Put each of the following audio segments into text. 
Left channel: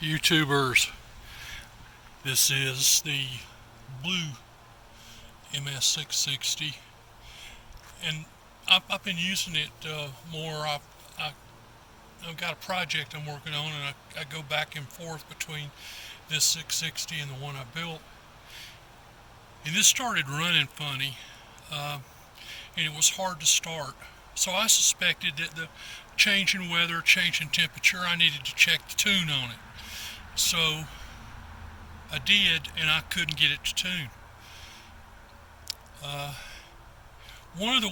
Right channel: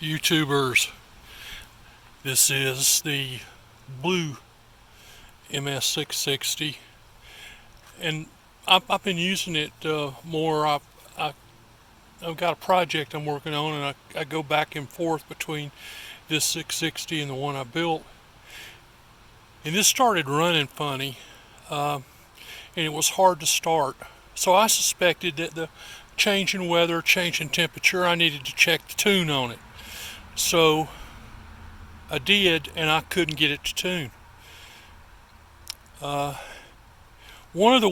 YouTubers. This is the blue MS660, and I've been using it more. I've got a project I'm working on, and I go back and forth between this 660 and the one I built. And this started running funny, and it was hard to start. So I suspected that the change in weather, change in temperature, I needed to check the tune on it. So I did, and I couldn't get it to tune. Uh, one of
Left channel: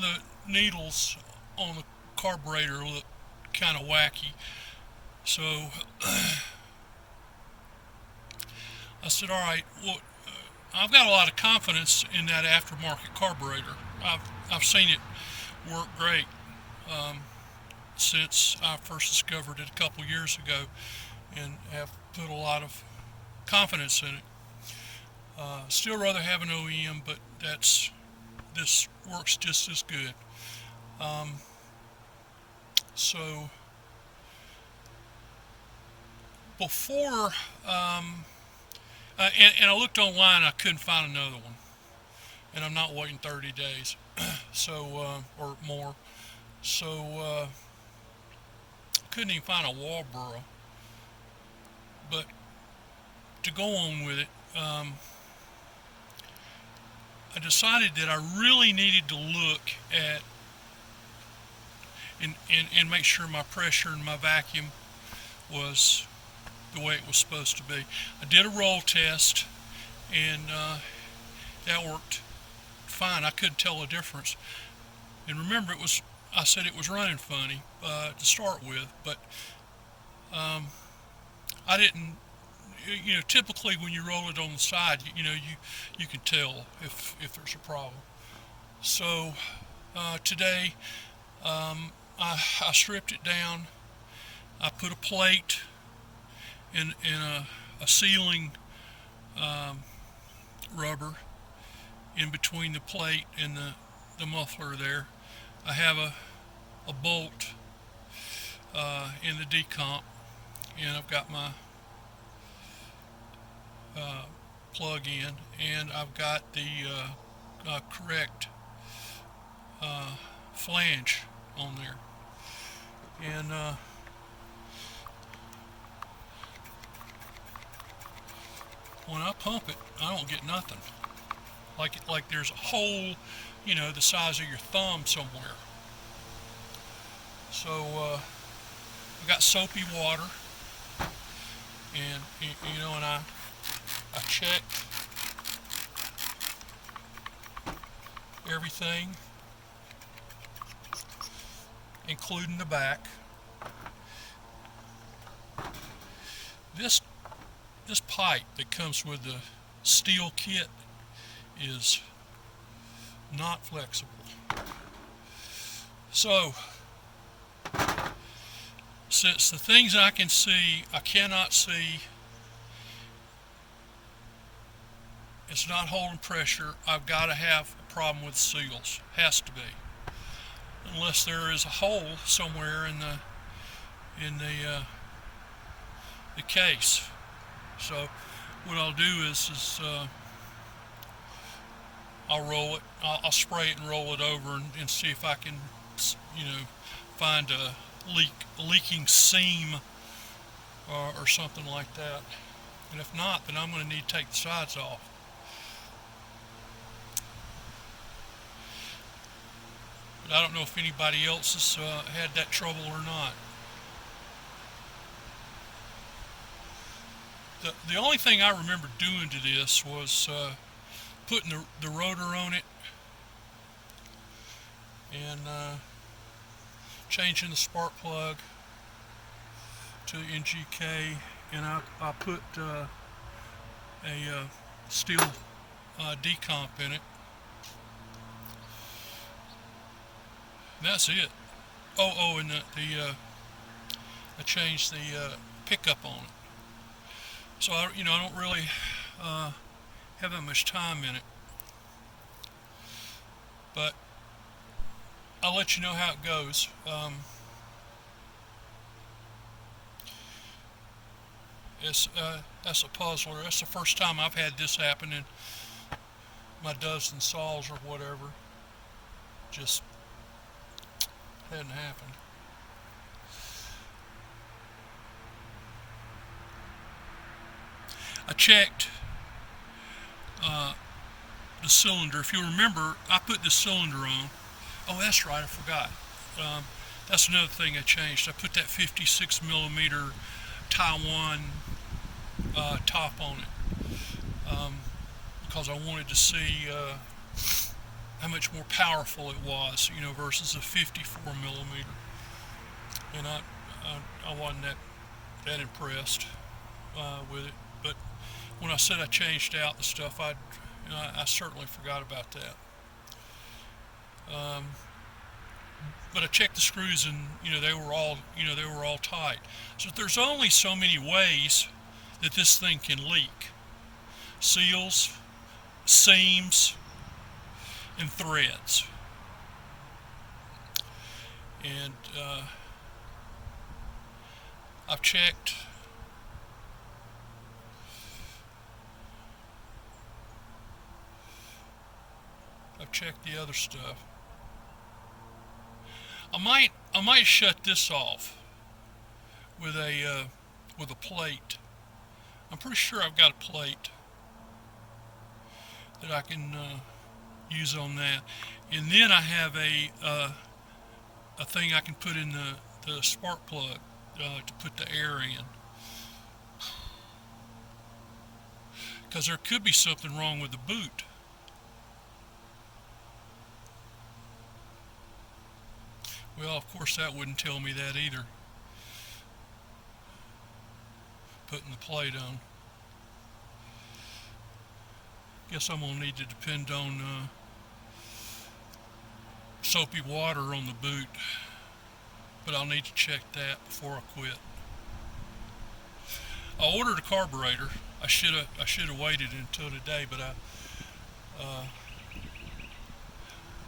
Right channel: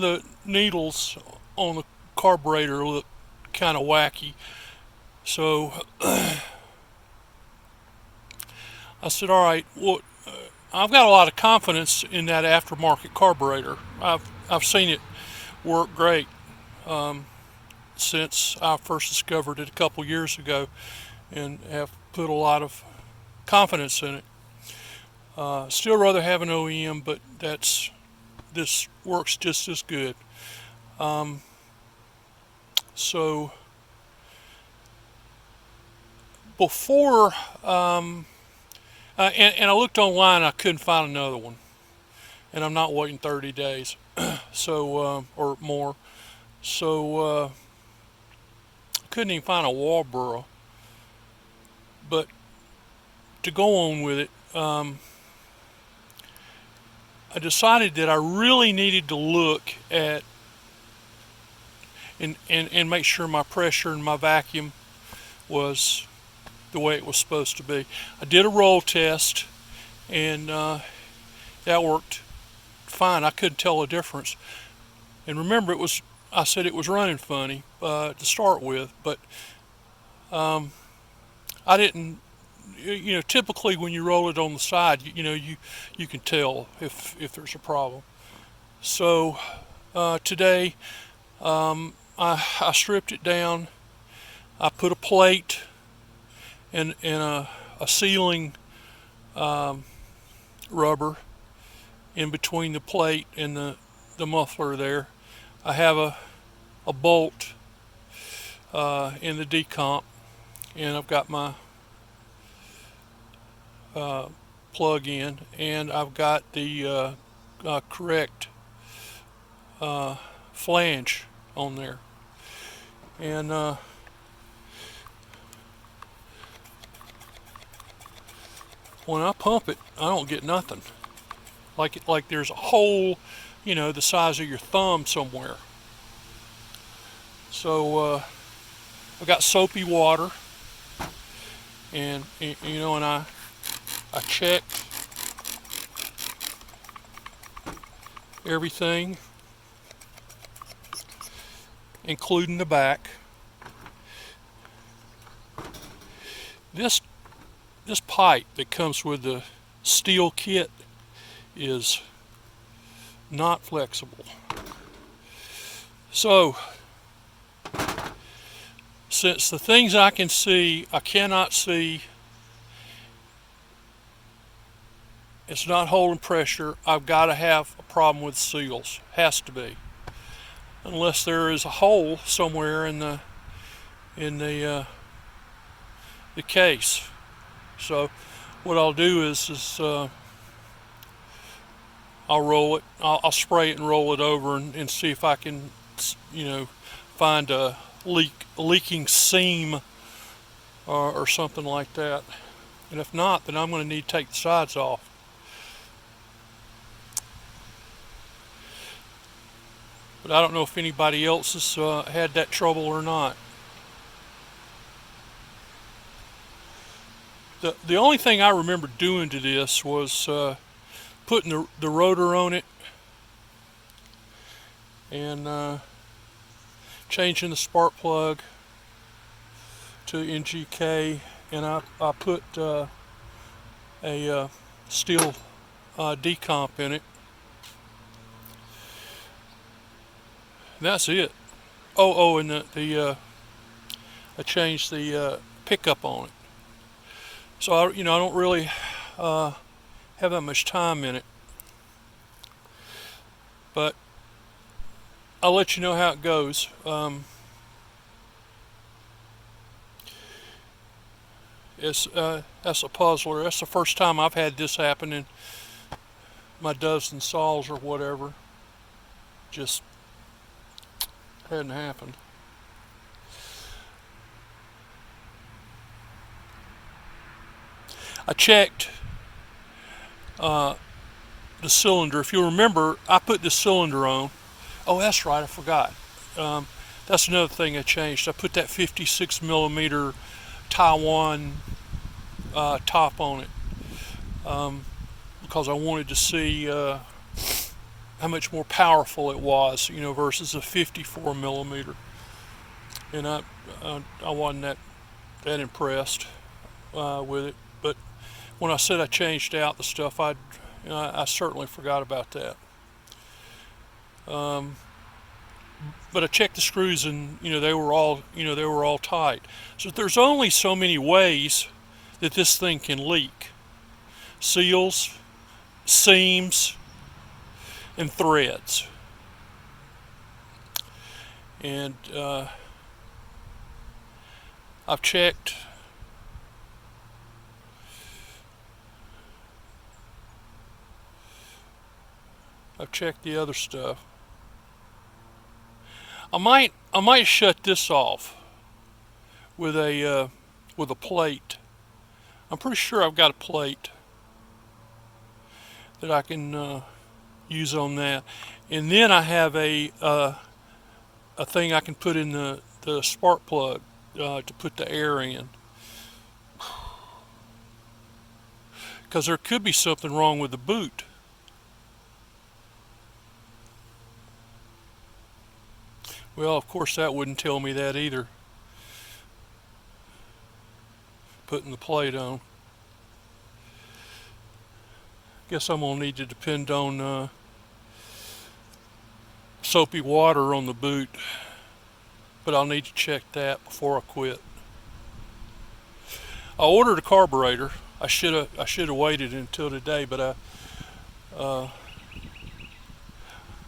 the needles on the carburetor looked kind of wacky, so I said, "All right, well, I've got a lot of confidence in that aftermarket carburetor. I've seen it work great um, since I first discovered it a couple years ago, and have put a lot of confidence in it. Still rather have an OEM, but this works just as good." Um, so before and I looked online, I couldn't find another one, and I'm not waiting 30 days, so or more. So couldn't even find a Walboro. But to go on with it, I decided that I really needed to look at and make sure my pressure and my vacuum was the way it was supposed to be. I did a roll test, and that worked fine. I couldn't tell a difference. And remember, I said it was running funny to start with, but I didn't. Typically when you roll it on the side, you can tell if there's a problem. So today I stripped it down. I put a plate and a sealing rubber in between the plate and the muffler there. I have a bolt in the decomp, and I've got my plug in, and I've got the correct flange on there. And when I pump it, I don't get nothing. Like there's a hole, the size of your thumb somewhere. So I got soapy water, and I checked everything, including the back. This this pipe that comes with the steel kit is not flexible. So, since the things I can see, I cannot see, it's not holding pressure, I've got to have a problem with seals. Has to be. Unless there is a hole somewhere in the case. So what I'll do is I'll roll it. I'll spray it and roll it over and see if I can, find a leaking seam or something like that. And if not, then I'm going to need to take the sides off. But I don't know if anybody else has had that trouble or not. The only thing I remember doing to this was putting the rotor on it and changing the spark plug to NGK, and I put a steel decomp in it. And that's it. And I changed the pickup on it. So I don't really have that much time in it, but I'll let you know how it goes. That's a puzzler. That's the first time I've had this happen in my dozen saws or whatever. Just hadn't happened. I checked the cylinder. If you remember, I put the cylinder on. Oh, that's right, I forgot. That's another thing I changed. I put that 56 millimeter Taiwan top on it because I wanted to see how much more powerful it was, versus a 54 millimeter. And I wasn't that impressed with it. But when I said I changed out the stuff, I certainly forgot about that. But I checked the screws, and they were all tight. So there's only so many ways that this thing can leak: seals, seams, and threads. And I've checked the other stuff. I might shut this off with a plate. I'm pretty sure I've got a plate that I can use on that, and then I have a thing I can put in the spark plug to put the air in, because there could be something wrong with the boot. Well, of course that wouldn't tell me that either, putting the plate on. Guess I'm gonna need to depend on soapy water on the boot, but I'll need to check that before I quit. I ordered a carburetor. I should have waited until today, but I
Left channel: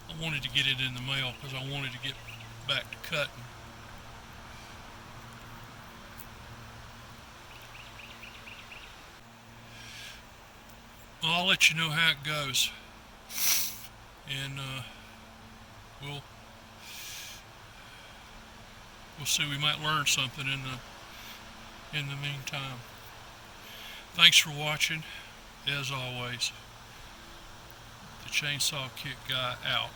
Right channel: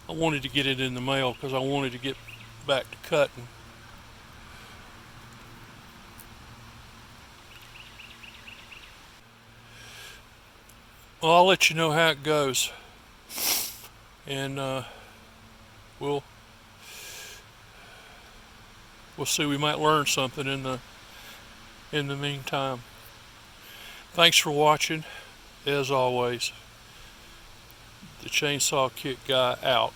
wanted to get it in the mail because I wanted to get back to cutting. Well, I'll let you know how it goes, and we'll see. We might learn something in the meantime. Thanks for watching. As always, the Chainsaw Kit Guy out.